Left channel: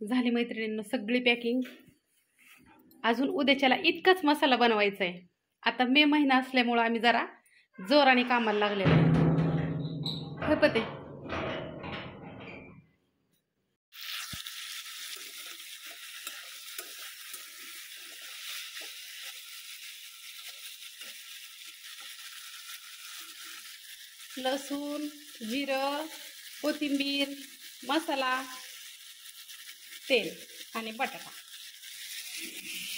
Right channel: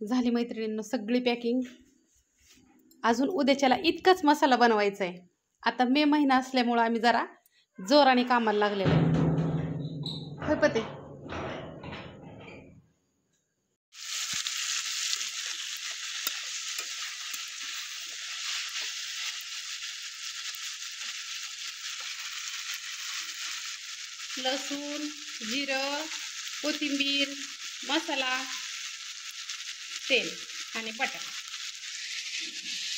झाली मैत्रिणींनो सगळी पॅकिंग. अजून उद्याच्याला इतकाच मसाला बनवायचा आहे. आता मे महिना असल्यामुळं आम्ही जरा जोराने कामाला लागलेलो आहे. होय पते. लसूण, जिरं, कोथिंबीर, मसाला, तेल आणि बटाटा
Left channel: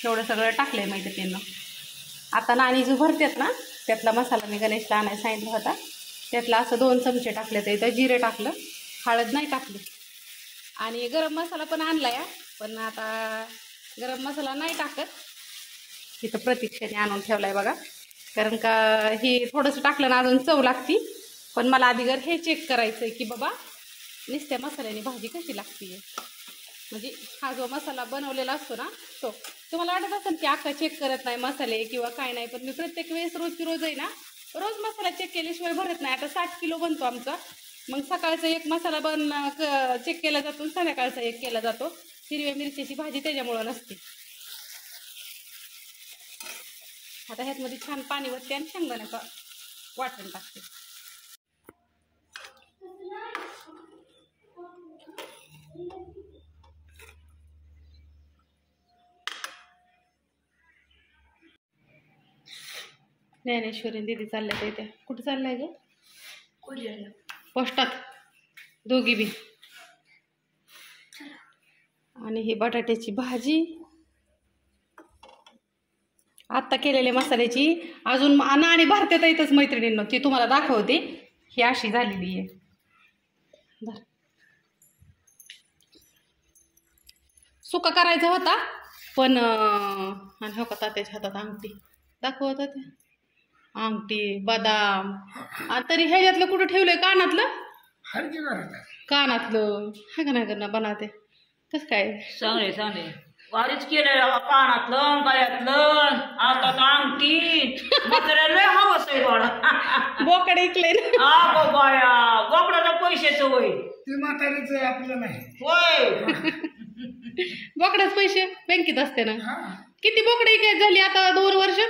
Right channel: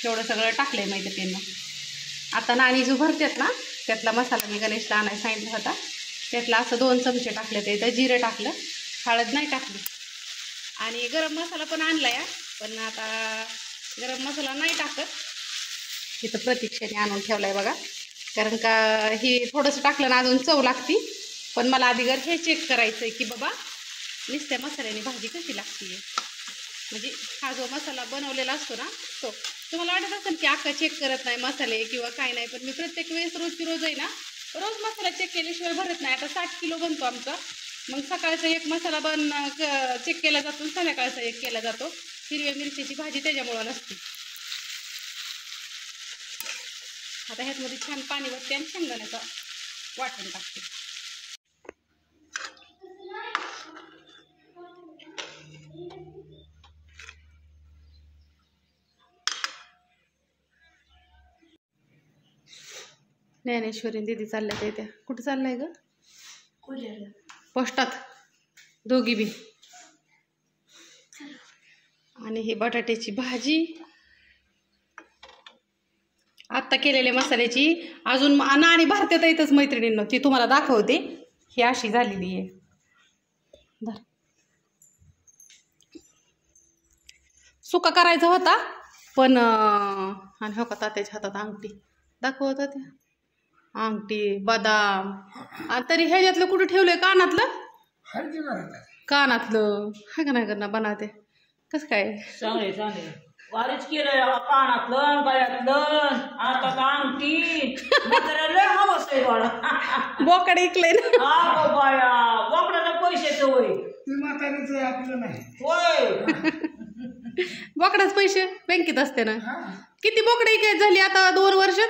एवढं सगळं टाकलंय मैत्रिणींनो. आता नाणी जो भरतात ना त्यातला मसाला मी गणेशला आणायला सांगितला होता. त्यातला असं 2 चमचे टाकले. तर इथं जिरे टाकलं, हळद नाही टाकली. आणि गरम मसाला पण आणला या, पण आता गरम मसाला नाही टाकत. इथं प्रतीक्षाने आणून ठेवलाय बघा. कारण का ही थोडंसं टाकलं ना अजून चव लागती. पण मला आधी हे चेक करायचं आहे की बाबा नुसत्या मसाल्याने भाजी कशी लागते. म्हणजे हा जो मसाला बनवलेला असतो ना तो. तुम्हाला वाटत असेल की अक्का चेक करत नाही मसाले किंवा काय नाही, पण मी प्रत्येक वेळेस रोजची रोज आहे ना रोज मसाला चेक केल्याशिवाय भरत नाही. आता 60 किलो बनतो आमचा. मग सकाळचा एक मसाला चेक केला जातो, संध्याकाळचा एक केला जातो. हिरव्या मिरचीची भाजी त्याच्यामुळं नसते. आता ह्यातमध्ये छान पाणी वरते आणि शेंगदाण्याचं वाटण टाकते. ज्ञानेश्वरी दीदी चालल्या त्या. कुठं चाललाय ग? पोस्टात दोघी बी. आणि ही बटाट्याची भाजी आत्ता केलेल्या मसाल्याची अजून नाणी भारतात येतच मैत्रिणींनो. ती तुम्हाला दाखवते. ही अशी झालेली आहे. सुका करायचा होता पण आणि हो का तात्याच्या हातात अंगठी दाखवत होते. अंगठी बदाम तरी ह्याच्यातलं कुठं ठेवलंय? कानातलं हाय का नाही करणार बनवते. कसं काय चांगले चांगले वारीच केलं. कानातलं गळ्यातलं आता अंगठी म्हाताऱ्याला हवस आहे बाळा. बोकडे इकले ना बाया. बोकडाचं पैशाचं होय ते म्हाताऱ्याचं आपलं नाही होय. बोकडाच पैसे बँकेत असते ना. किती बोकडे काय झाली आता 2 वर्षात?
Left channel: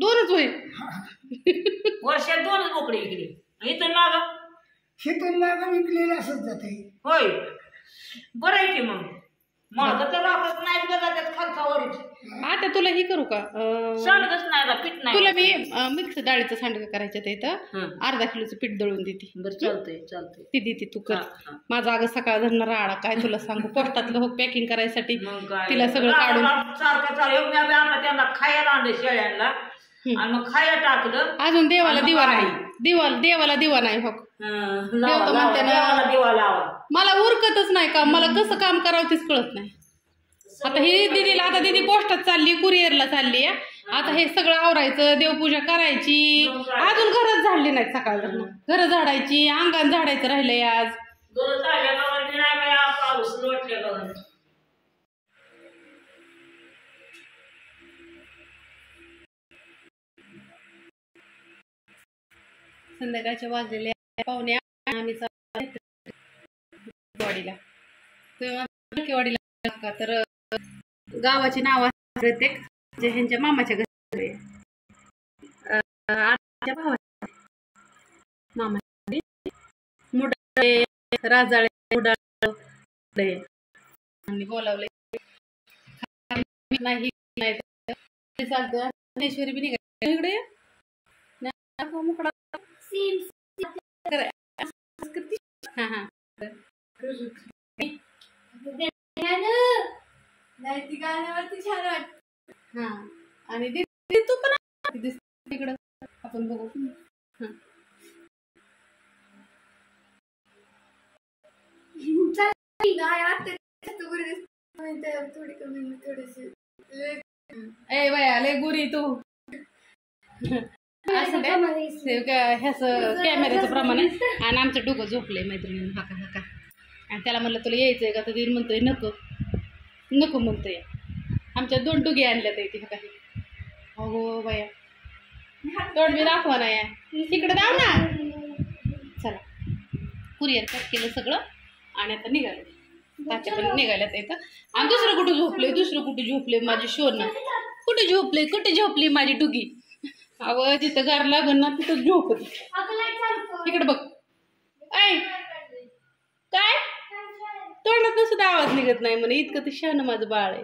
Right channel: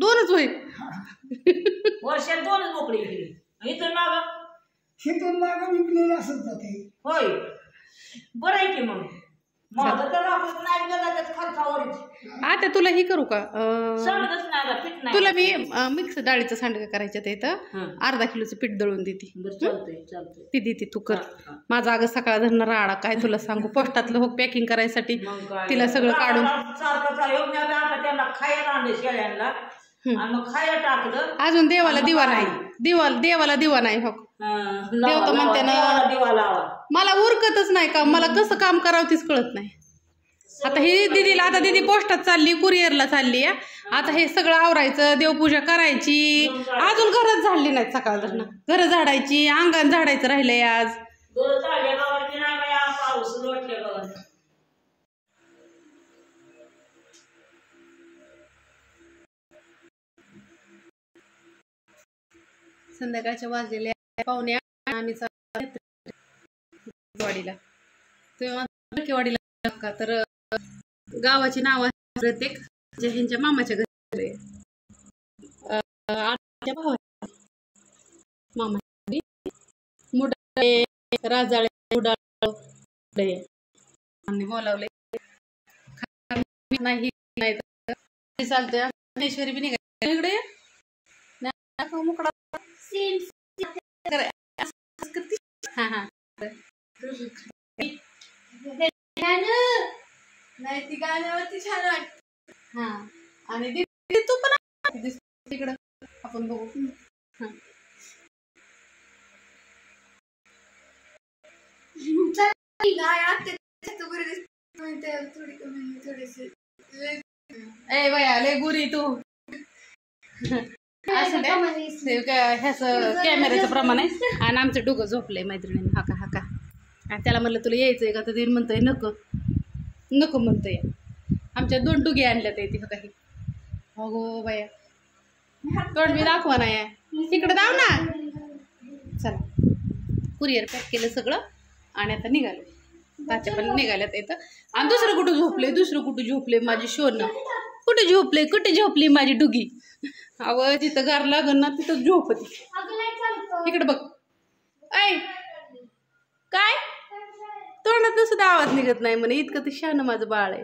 2च होय. वर्षात 2च बोकडे इकडे. इथून मागं शेतून मागं विकलेलं असत जाते. होय बरं आहे की मग. मग तर राखत नाही बघा त्यात खालचा वरीच. आता तुला ही करू का? सांडगच नाही पीठ नाही. तुला मी मिक्स डाळीचं सांडगं करायचं तर इथं अर्धा किलोचं पीठ दळून देते. बरं चालतंय चालतंय. ती देते तू कर. माझा अगं सकाळ धरणं राडा काय तुला सांगू. पोस्टातलं हो पॅकिंग करायसाठी तिला सगळं काढून सारखं चालू. आता त्यांना खायला आणलं शेळ्यांना आणि मग खायला टाकलं. अजून देवाला दिवा नाही. देवाला दिवा नाही. हो देव तर म्हणते ना मला उरकतच नाही का. मला कसं काम करावं तीच कळत नाही. आता ही दिदीला आता दिदी पोस्टात चालली, कुरिअरला चालली. आता हे सगळं आवरायचं, देवपूजा करायची. अजून घरच झाडली नाहीत सकाळ धरणं. घर झाडायची, अंगण झाडायचं राहिलंय आज. पाऊस लोटले बघ. संध्याकाळच्या वाजलेल्या पाहुण्या आम्ही वाडीला वाडीला का तर गावाची नाव प्रत्येक ह्यांच्या मामाच्या घरी मामा मुडाळे राजाळे मुडाळे आणि बोलावले नाही चालतंय. ज्ञानेश्वरी बी निघाली इकडे मुकडा. हा हा ती गाण्यावरती छान वाटत. हा आणि दीदी तू पण तिकडं आपण बघू. थोडी कमी थोडीशी ए बया लय गुरी तू. असं ह्याच कॅमेऱ्याचं प्रमाण आहे. आणि आमचं डोकं झोपलंय मैत्रिणीनं हाका हाका. आणि त्याला म्हणलं तुला यायचंय का तर ती म्हणतोय नको नको म्हणतोय. आमच्या 2 डुगे आणल्यात ती हका. ही अगो बाया तोंड मी दाखवा नाही. तिकडे जाऊ ना. चला कुरिअर पॅक केलं सगळं आणि आता निघालं. तात्या पण निघाल्यात इथं. आणि दुसरं कुठं झोपले माझी शोन. कुठे झोपली माझी डुगी. अव जिथं गार लागन ना तिथं झोपती. इकडे बघ. ऐ काय तोंडातून सुद्धा आवाज निघत नाही म्हणे. इतकं ते शहाणं माझं बाळ आहे.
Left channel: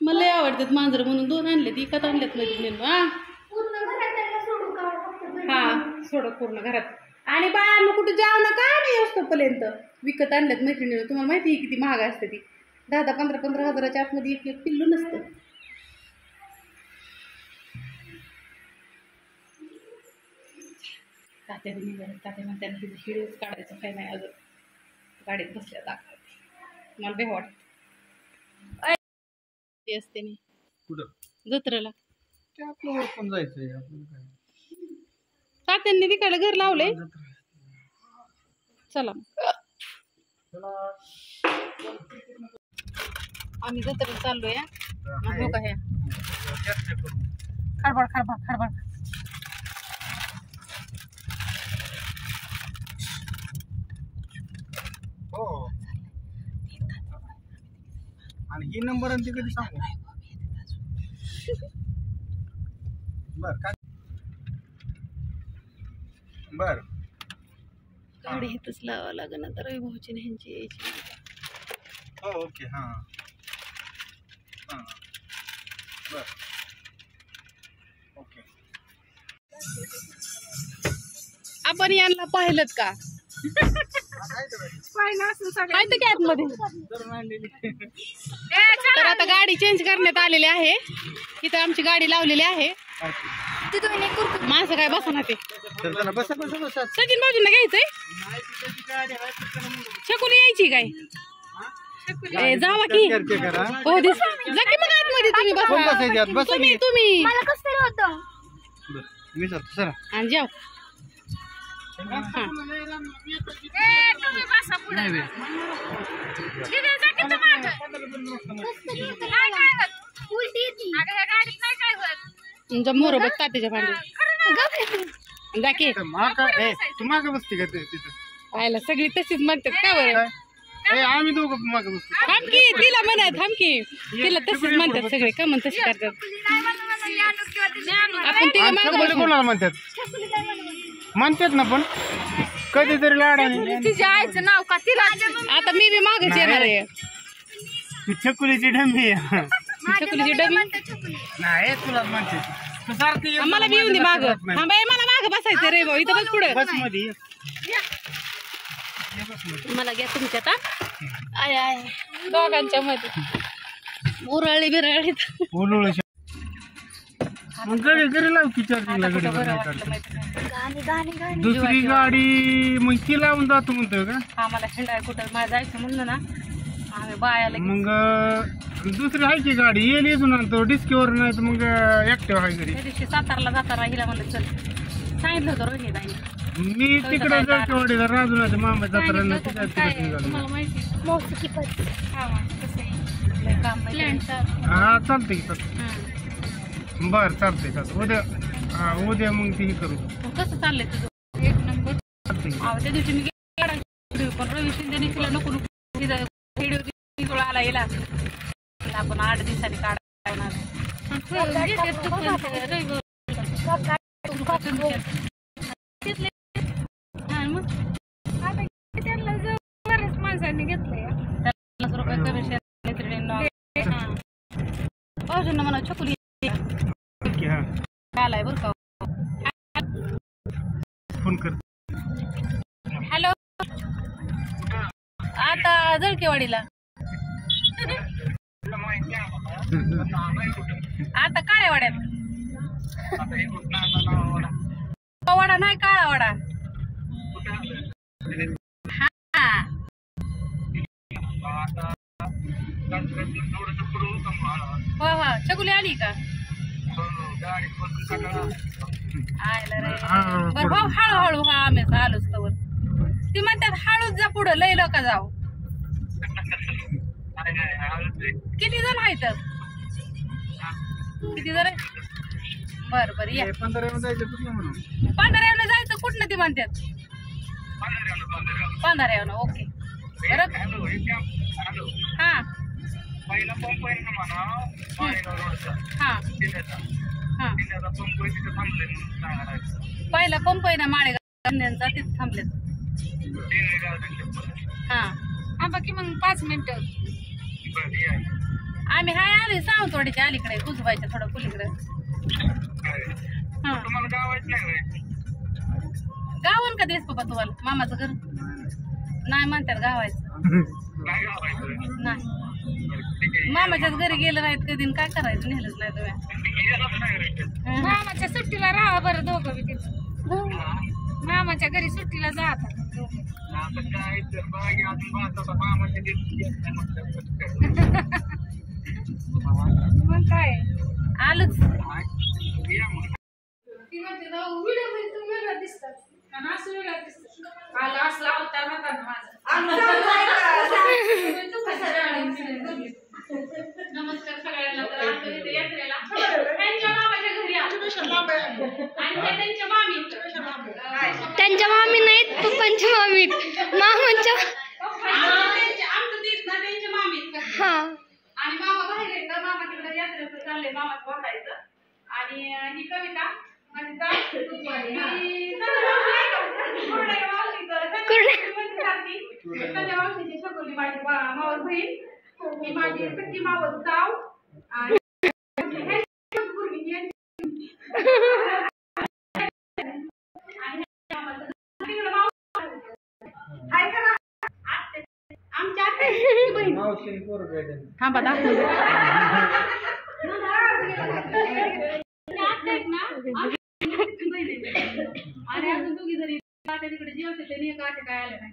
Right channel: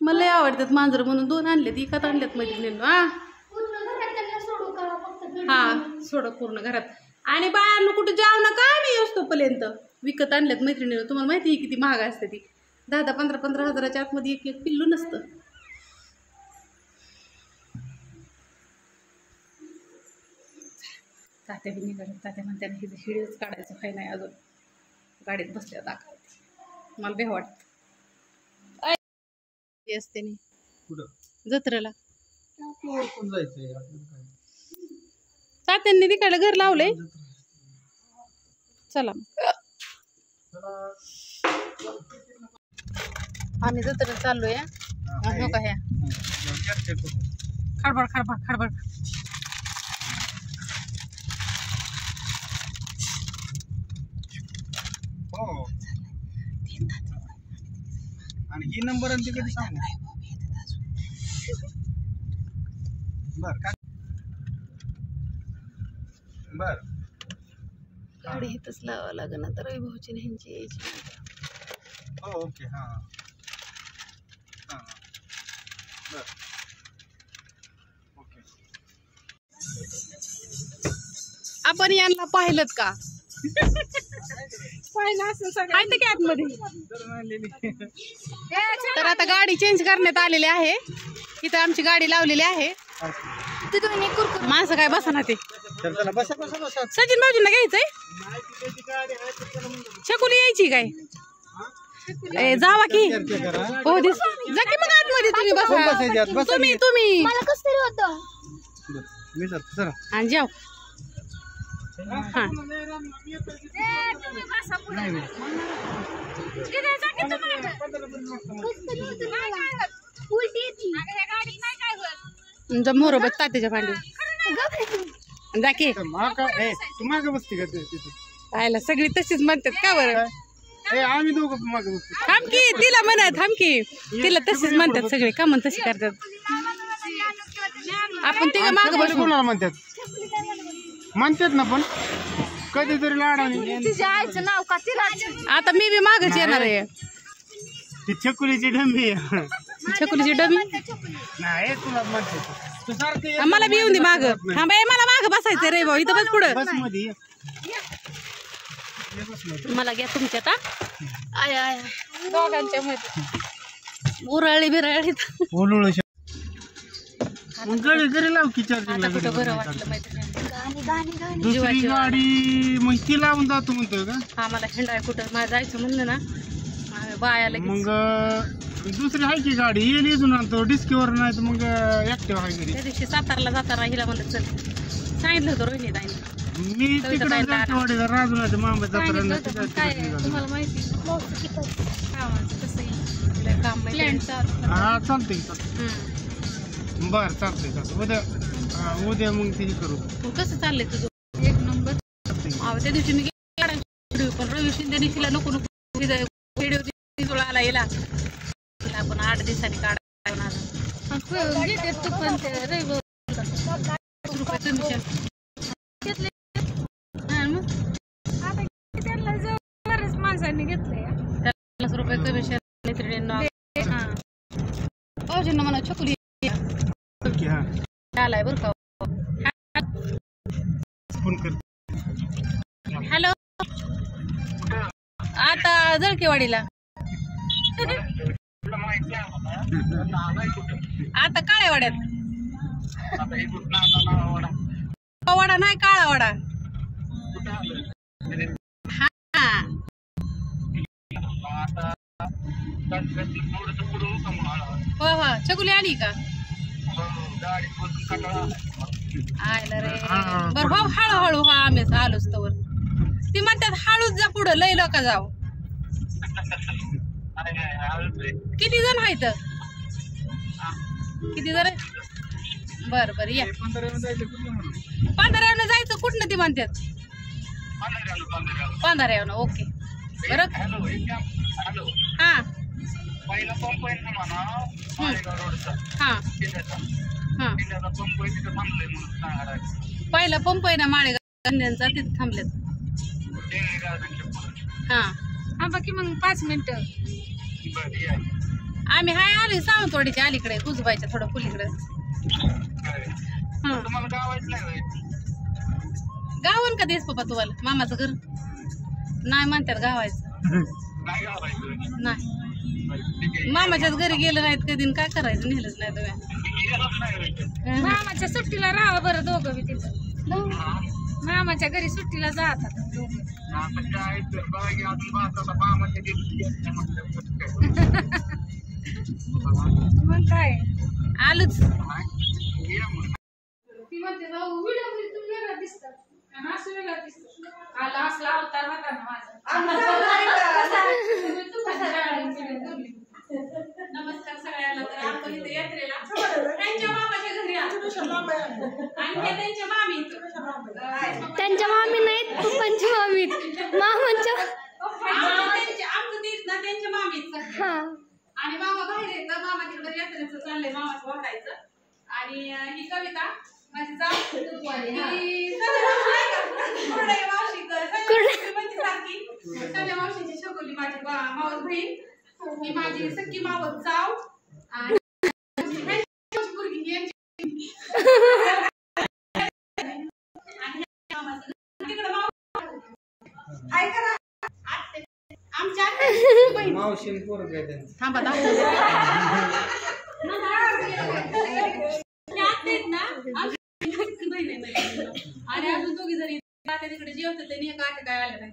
मला लय आवडतात मांजर म्हणून 2 आणलेत. इकत आणल्यात मैत्रिणींनो. हा सोडं पूर्ण घरात. आणि बाळांना कुठे जाऊ नका नाही असतोपर्यंत. विकत आणल्यात मैत्रिणीनं. तुम्हाला माहिती आहे किती महाग असते ती. 10-10, 15-15 हजाराच्या आतमध्ये एक पिल्लू नसतं. तात्या बी निघाले. तात्या म्हणतात हिचं हिडीच काढायचं काही नाही अजून. गाडीत बसल्या दाखवते. मला बे वाटत असते नाही कुठं जत्रेला. आपल्यावर पण जायचंय तात्यांनी तिकडे घर लावलंय. चला आम्ही जत्रेला चाललोय. हो का ह्या खडबड हो. आणि ही नंबर आणि तिकडे सांगू बर काय बर. गाडी इथंच लावावं लागेल आता. रविभाऊची ह्यांची यायची. हो ओके हां हां बर ओके. आपण यांना पाहिलं का? पाहिलं असं सगळं की आतमध्ये. तर आता गाडी चेंज करण्यात आलेली आहे. इथं आमची गाडी लावलेली आहे. माणसं काय बसा ना ते. सचिन भाऊजींना घ्यायचंय. शकुली यायची काय? जावा की हो दिस जा की मग आतमध्ये. तुम्ही बसा. तुम्ही मी जातो सर आणि जाऊ. मोर बघ तात्याच्या भांडी जा की. तू माग बसते का तिथं? पाहायला सगळी तशीच म्हणतात का बरं? आम्ही दोघं माग बसतो. थांब की तिला म्हणा. थांब की तिला तशीच म्हणतात सगळे. का म्हण तशी करतात. आपण तिला माग बसू. कोणाला म्हणतात ना पण कधीतरी लाडाने. तिच्या आईचं नाव का तिला. आता मी बी मागच येणार आहे. ती छकुलीची डंबी छकुलीची डबी नाही तुला म्हणते तू सारखं मला बी येऊन दे माग. हा बाई मला माग बसायचं रे भाऊ. इथं बस पुढं. बस मध्ये मला घ्या तुमच्यात. आय आय दोघांच्या मध्ये उरळी बिरळीत. जरी लाव की आता कुठं बरं वाटलं माहिती. दुसरी गाडी मग ती लावून जातो म्हणतोय का? आम्हाला हिंडाय कुठं मला जायचं म्हणलं ना आम्ही बायाला मग दुसरी आहे की गाडी येईल इथून आणतो डिस्कीवर नाही तर मग ऍक्टिव्ह आहे घरी. त्या दिवशी सातारला जाताना हिला म्हणलं चल सांगितलं होतं रोहिणी ताईने. मी तिकडे जातो वडीला राजूनाच्या मामा जाताना तुम्हाला माहिती काम माहिती. हा चालते की चालते. बर चालते उद्या मग ती करू. कसं चाललंय तुझं? एक नंबर. त्या दिवशी मी व्हिडिओ पण रवी शिंदे तिला नको व्हिडिओ आला येला आपण 8 दिवसांनी काढा. माणसांनी घेतलंय 50 रुपये कमिशन मैत्रिणींना. भाऊजींना म्हणा छकुली आलाय बरं का. फोन कर. हॅलो आता जळकेवाडीला. आता काळ्यावाड्यात. वडा नाही काळा वडा. हा हो हो छकुली आली का? आयला रे बरं भाऊ हळूहळू. हा आम्ही आलोच तर. ती म्हणतात हळूच जा पुढं लय लोक जाऊ. किती जण आहेत? किती जण? बर बर या. 15 जायचं कुठनं ती म्हणतात? 15 ओके. बरं हा पहिला पंप आहे ना म्हणा माळेगाव रोडचा हा जिल्ह्याचा हा जिल्ह्याचा पंप आहे तिथे थांबले म्हणून सांगायला पहिला पंप आहे ना माळेगाव तिथे थांबलेत देणगी गार्डनच्या पुढे हा हा बाकी मग 5 मिनिटं बरं या आम्ही हाय आलोय सावंतवाडीच्या अलीकडे कुजबाईच्या थोडं पुलीकडे हा तुम्हाला गावायचं नाही होय? गावन का देस पप्पा तुम्हाला मामाचं घर नाही म्हणतात गावायचं नाही गावायचं नाही बरं ठीक आहे मामाच्याच घरी गेलं नाहीत कधी आणि काय करायचं नेलंच नाही तुम्ही येणार नाही होय? मामाच्या सुट्टीला राहा बरं दोघं बी तिथं मामाच्या घरी सुट्टीला जातात दोघं. आता काय तर बघा की अजून भारताचा मामाच्या दिवशी म्हटलं मग काय आलोच या मग ती म्हणते ना व्हिडिओ मध्ये तुम्ही वेगळं दिसतात आणि असं वेगळं दिसतं आला असला अवतार होता ना माझा नमस्कार सगळ्यांना तर आपण इथे यात्रेला त्यांच्या मामाच्या घरी आलो आणि ते त्यांच्या मामी त्यांच्या मामी नाहीत पप्पांची मामी मामांच्या आमचं तेच ना त्यांच्या मामीच हा आणि मामा बाहेर येतं मामा तिकडे यात्रेचं चाललंय मामाचं वाटायचं आणि ही कविता माझी जात संजय मावशीची शकुली माझी मावस बहीण ही माझी सख्खी मावस जाव आणि पोरगी यांची आमच्या बहीण थांबा दाखवू द्या. आणि अजून दोघी जरी तिकडे जेवते ते एका आटे काय आले नाही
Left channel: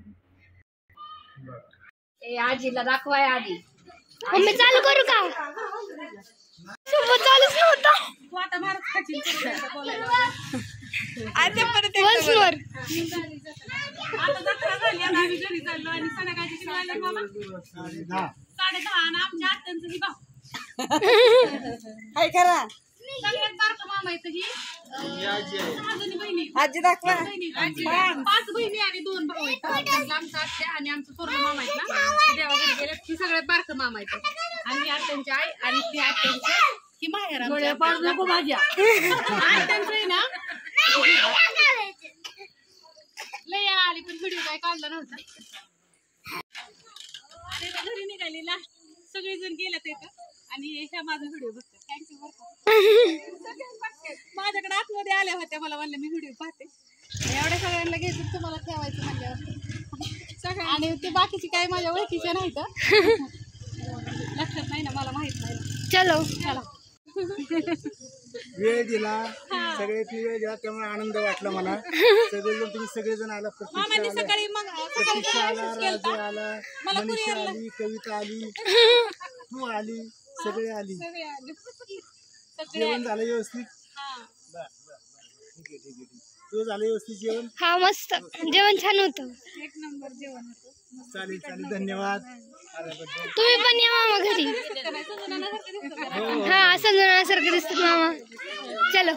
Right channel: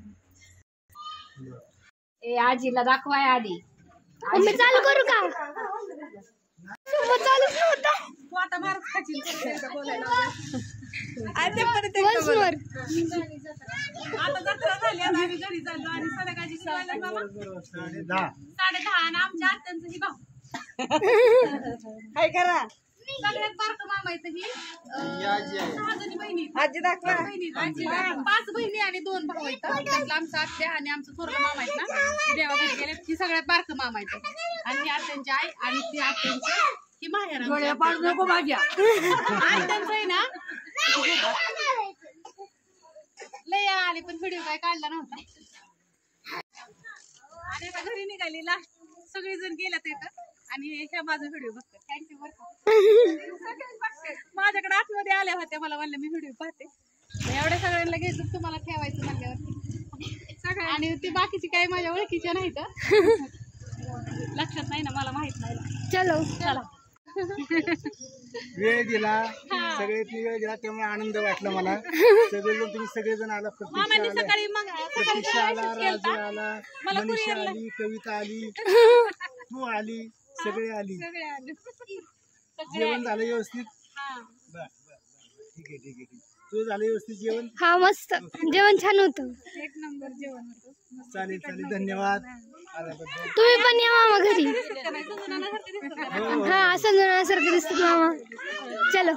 आजीला दाखवाय आधी मम्मी चालू करू का चालूच नव्हता तू आता भारत खाची बोलायला आता जत्रा झाली आता आम्ही घरी चाललो आणि संध्याकाळची शिवायला मामा 10:30 आणि आमच्या आत्यांचं ही भाऊ काय करा सगळ्यात बारकं मामा येतं ही 6 जणी बहिणी आजी दाखवा 5 बहिणी आणि 2 भाऊ आहेत आमचा आत्या आणि आमचं पूर्ण मामा आहेत ना देवाघरी गेले ही सगळ्यात बारकं मामा येतं आणि ही आत्यांची आई आणि ती आत्यांची ही माहेर नको माझ्या आत्यांचं आहे ना लय आली पण व्हिडिओ काय काढला नव्हता घरी निघाली लास्ट सगळेजण गेल्यात येतं आणि ह्या माझा व्हिडिओ बघतात थँक्यू बरं का माझ्याकडे आतमध्ये आल्या होत्या मला म्हणलं मी व्हिडिओ पाहते एवढ्या सगळ्यांना घ्यायचं तुम्हाला ठेवायचं म्हणल्यावर सगळं आणि ते बाकीचे काही माझ्या ओळखीचे नाहीत लक्षात नाही ना मला माहित नाही ना चलो चला वेळ दिला सगळे वेळ दिला त्यामुळे आनंद वाटला मला सगळेजण तुम्ही सगळेजण आला मामांनी सकाळी मग प्रतीक्षा आला सकाळी राजू आला मला मनीषा कुरिअरला आली कविता आली तू आली सगळे आली सगळे आले जेवण झालं व्यवस्थित हा बर ठीक आहे तू झालं व्यवस्थित जेवण हा मस्त जेवण छान होतं एक नंबर जेवण होतं चालेल धन्यवाद आल्याबद्दल तुम्ही पण या मामा घरी हा असं जणांसारखं दिसतात मामा चलो